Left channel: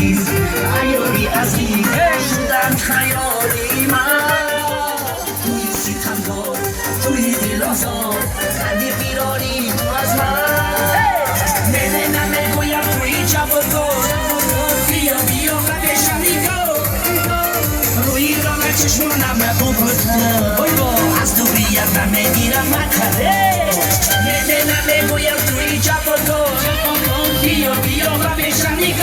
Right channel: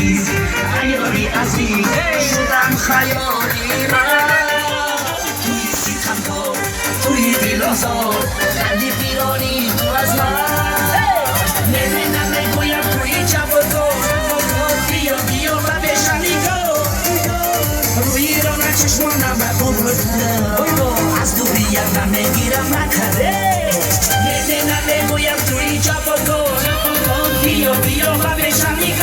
عزیز عیاری عزیز شدم خیالی من توی سیتم توی دل آزار خندی بیرانی تو از من نه نمیگویم توی جواب بیا بیا و بشنی روی راه چشمانم نبوده از دوریت نمیگیرم مکره نه نمیگویم توی جواب بیا بیا و بشنی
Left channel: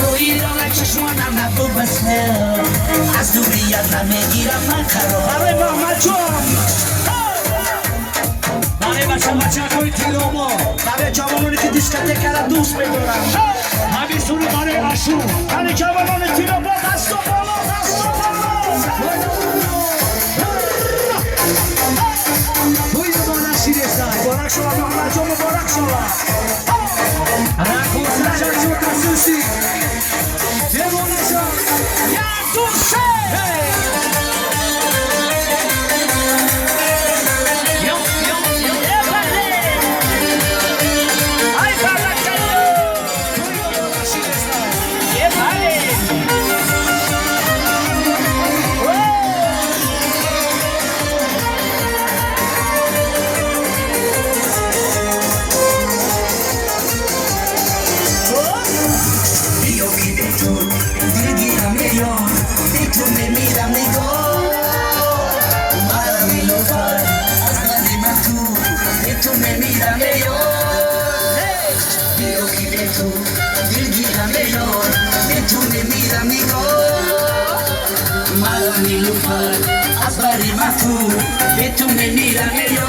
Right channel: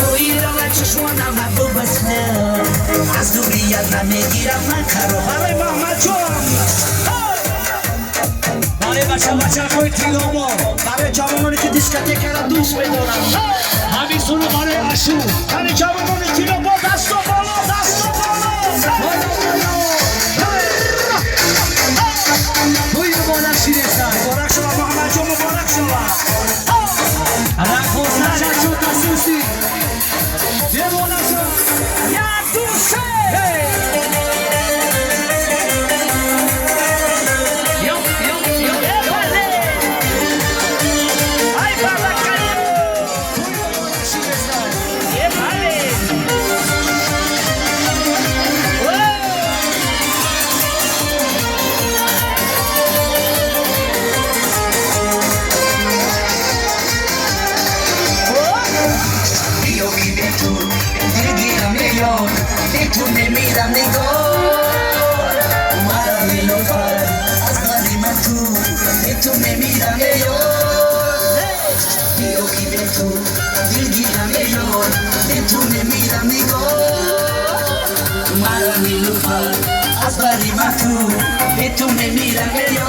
روی راه چشمانم نبوده از دوریت نمیگیرم مکره برای محمد جان برای بچه های تیلاما برای جوانانی که دیسکتک کردن دوست میدارم همین سونو برای اشو برای جوانان تیلاما دست و بالا دست و بالا توی بالا شیرستان مبارک شما محمد جان مبارک شما رفت شد خصوصی یه بالا شد یک دوسته tú me mírame yo quiero que ve tú mírame yo tú me mírame yo mara mi lupa asbari matu tú me mírame yo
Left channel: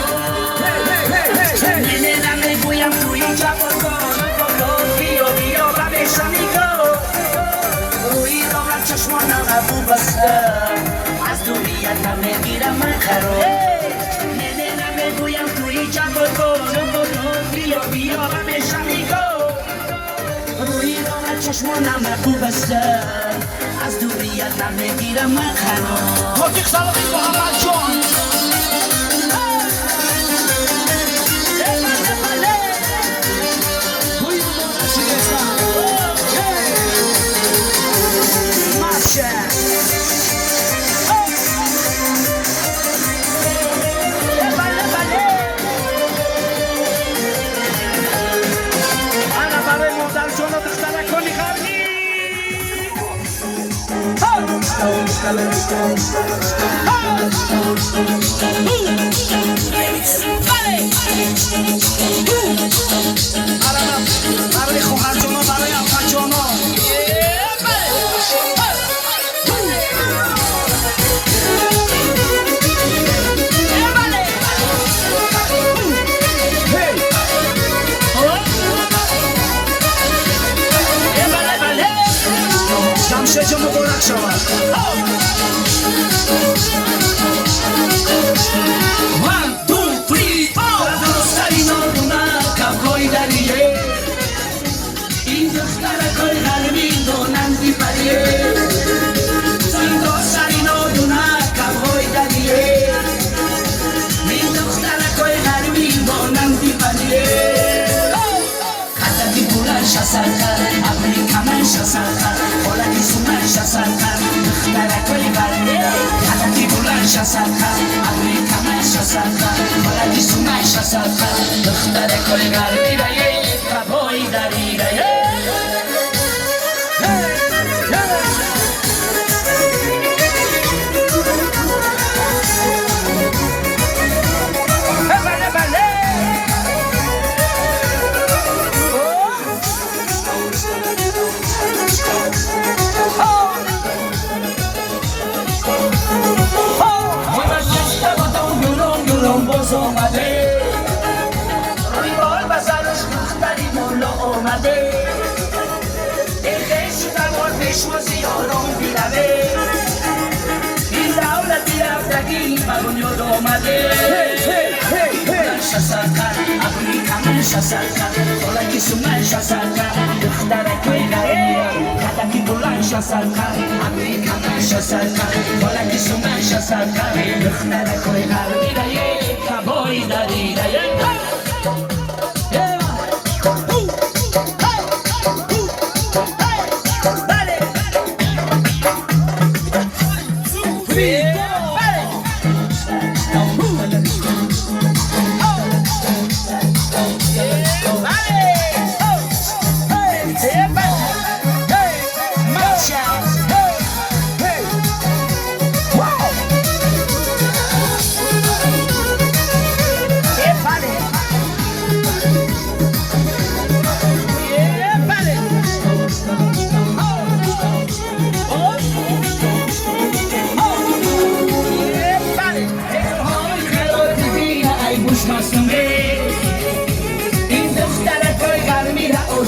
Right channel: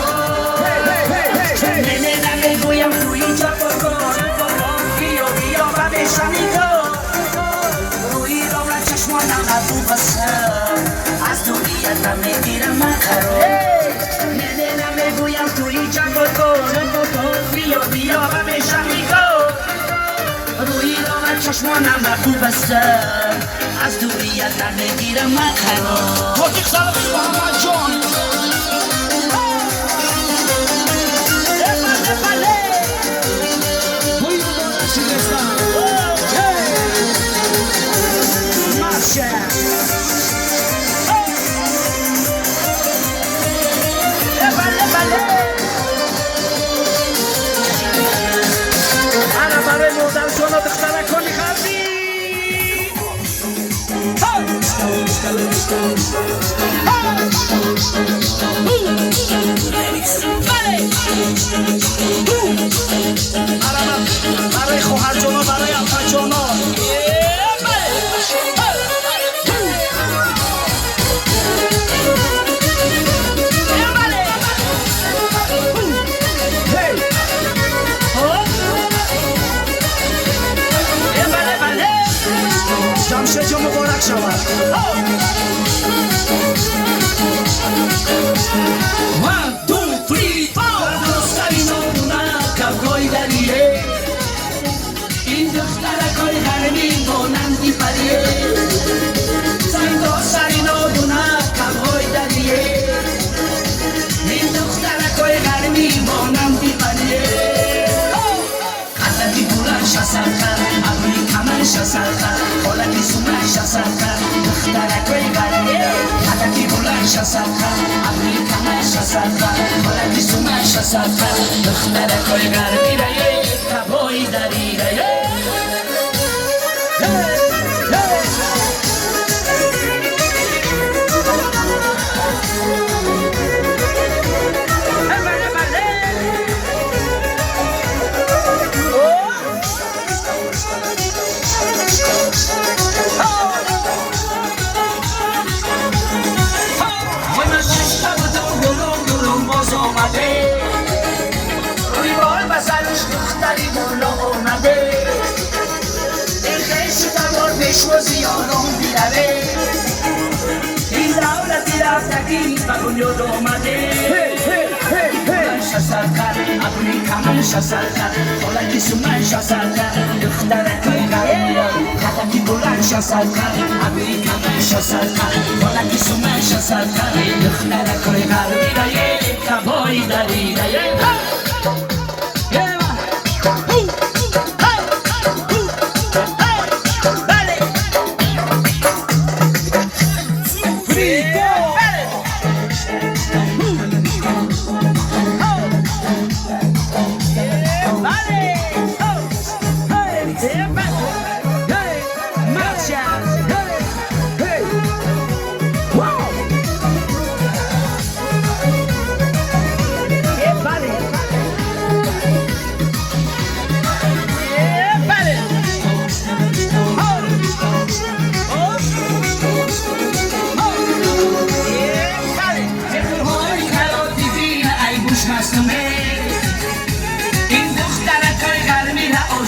nena me voy a tu hija por quiero pa besamigo oír la chashwana la tu pasar as tu vida me mira macaro nena me voy a tu hija por بیا و بشنیگو روی راه چشمانم خوب است از دوریت نمیگیرم من قرار موسیقی سلام محمد جان برای خواهر جانا برای افر جانا شمشه جا مبارک شود 1 2 3 دوستایی کافای دریه این دخترکای حرمی بونندی پریه این دوستایی کافای دریه این دخترکای حرمی بونندی پریه حتی بولن شسرکا ابری کمن شسرکا حالا سومن شسرکا دخترکای دریه حتی بولن شسرکا ابری کمن شسرکا حالا سومن شسرکا دخترکای دریه کافای دریه شوزی آرام بیاره این دولتی رفتگی بگوید آمده شسرکر افریقا من شسرکر دولتی سومن شسرکر دخترکای گرم خطکی بلند شسرکر افریقا من شسرکر دولتی سومن شسرکر دخترکای گرم کبایی دریده Hey!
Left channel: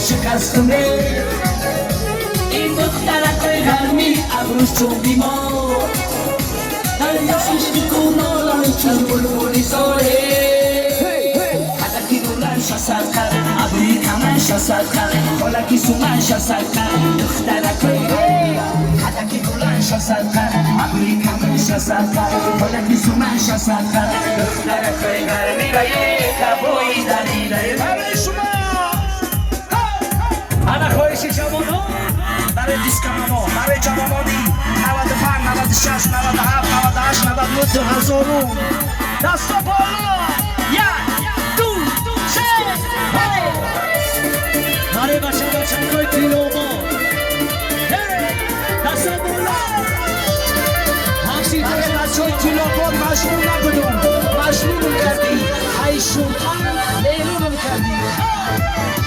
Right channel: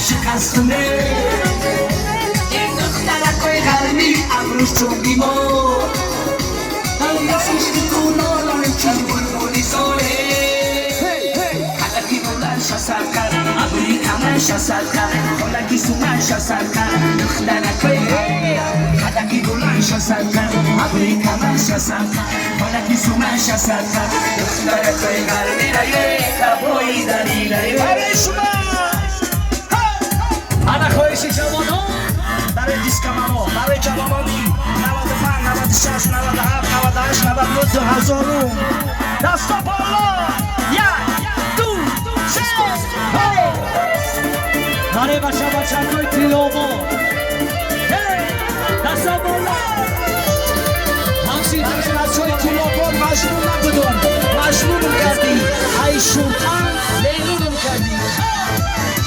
شکستونه این دخترکای گرمی ابروش چون بیمار دریاسیش میکنالای چون بلبولی ساره حدکی دولنش اثر کرد ابروی کمنش اثر کرد حالکی سونش اثر کرد دخترکای گرمی حدکی دولنش اثر کرد ابروی کمنش اثر کرد حالکی سونش اثر کرد دخترکای گرمی را یک دبایی دلیل برای شما برای دیسکامو برای جوامانی 95 96 97 98 99 هزارو دستا بالا یک دو سه برای بچه های تیلوما دستا بالا همسی برای بچه های تیلوما مجنون نبودم مجنونم کردی ای شورتن لیمونم کردی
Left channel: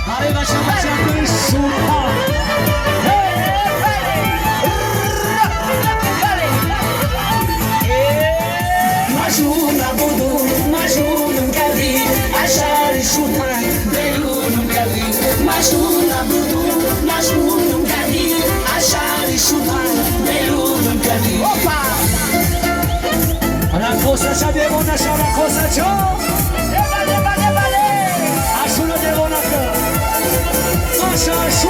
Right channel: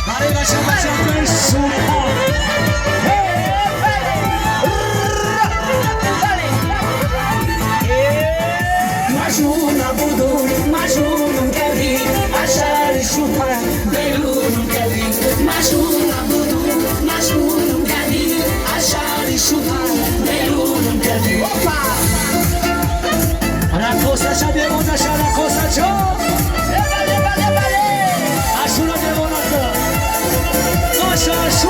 برای بچه های شورتن مجنون بودم مجنون کردی اشعار شدن دلون کردی مجنون بودم مجنون کردی اشعار شدن دلون کردی رقصا چه دیوانه شو رقصا چه بله اشونا دیوانه تو اشو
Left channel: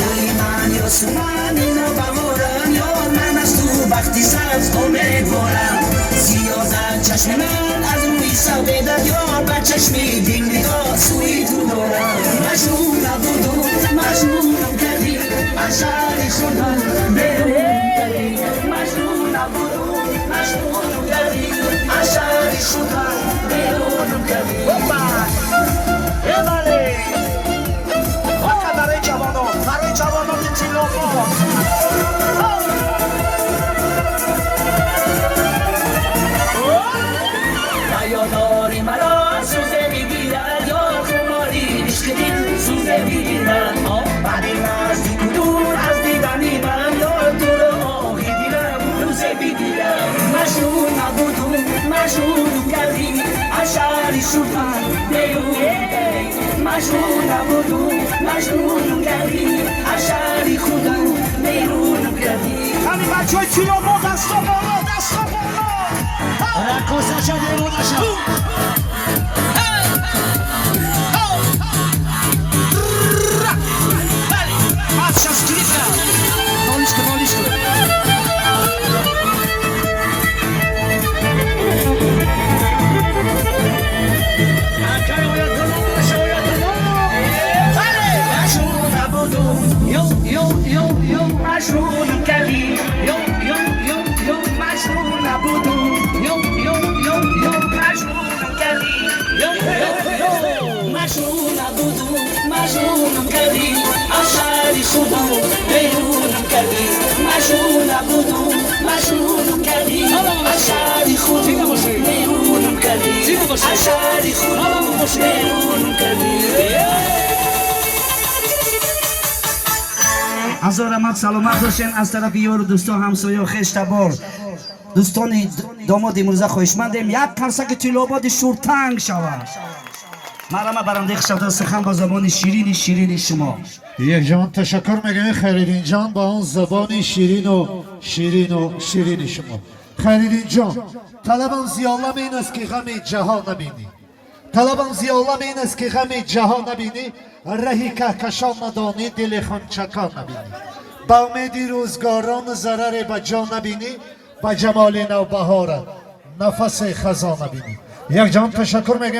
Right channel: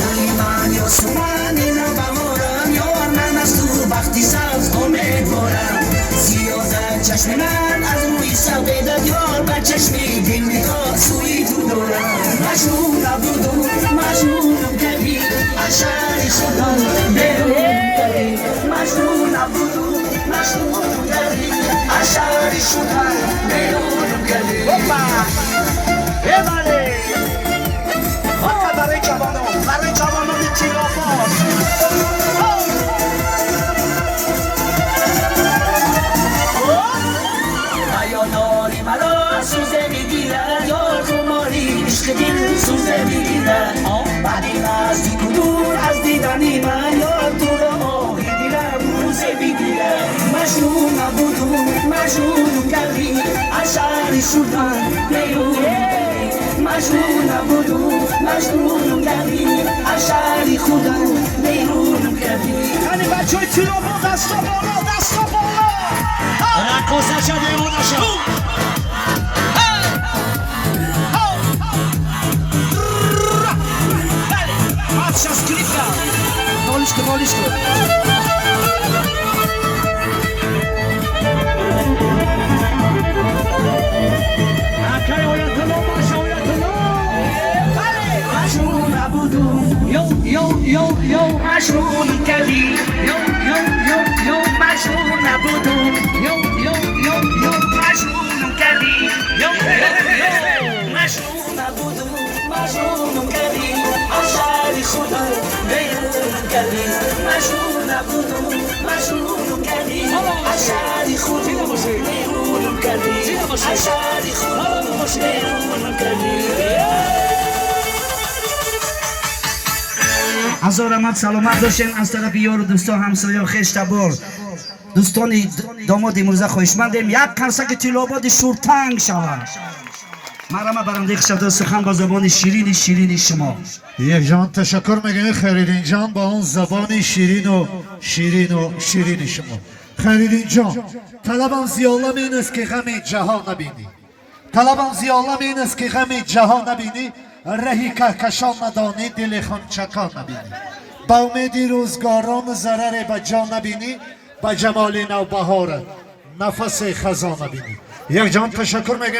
رویمانی و سمانی نبامورم یا من از تو وقتی سرز امیدوارم سیازم چشم من از روی سبیدت یار بر چشمی دین نگاه سوی تو دارم مجنون نبودم مجنونم کردی اشعاری شدن دلونم کردی مجنون نبودم مجنونم کردی اشعاری شدن دلونم کردی برای جوانان تیلوما یاداری مرا سوزه میگیرد یار تو مالی عشق دل سوزه میگیرد بعدی نزدی کدور از دیدنی من یار تو رو دیدم روزه میگیرد مجنون نبودم مجنون کردی اشعاری شدن دیونه مجنون نبودم مجنون کردی اشعاری خودم دیرونم کردی یعنی بچه های تیلوما دستا بالا دستا بالا رقصا شد دیوانه شد Сейчас клика Малышка, малышка مجنون نبودم یو مجنون کردی یو مجنون نبودم یو مجنون کردی مجنون نبودم مجنون کردی اشعاری خودم بیرون کردی مجنون نبودم مجنون کردی اشعاری خودم بیرون کردی اشعاری خودم بیرون کردی هزار رحمت سلامت باشین از طرف یار و دوستان همسایه و خیش تبار دوستان داماد امروزه خواهشمندیم یک کنسک تیلوباد شورتنگ شود مرحمت برنده خشد سخن با زبان شیرین شما یک جان تشکر میگم خیرین جان با اون زبان شیرین شما خیرین جان طلبم زیالم این است که غم جهان نبینی طلبم زیالم این است که غم جهان نبینی رهی کهکشان ندانی دل خانچکان نبینی با امیدی روزگاران ضرر به جان نبینی با جمال نوبهار نفس خزان نبینی یک جان تشکر میگم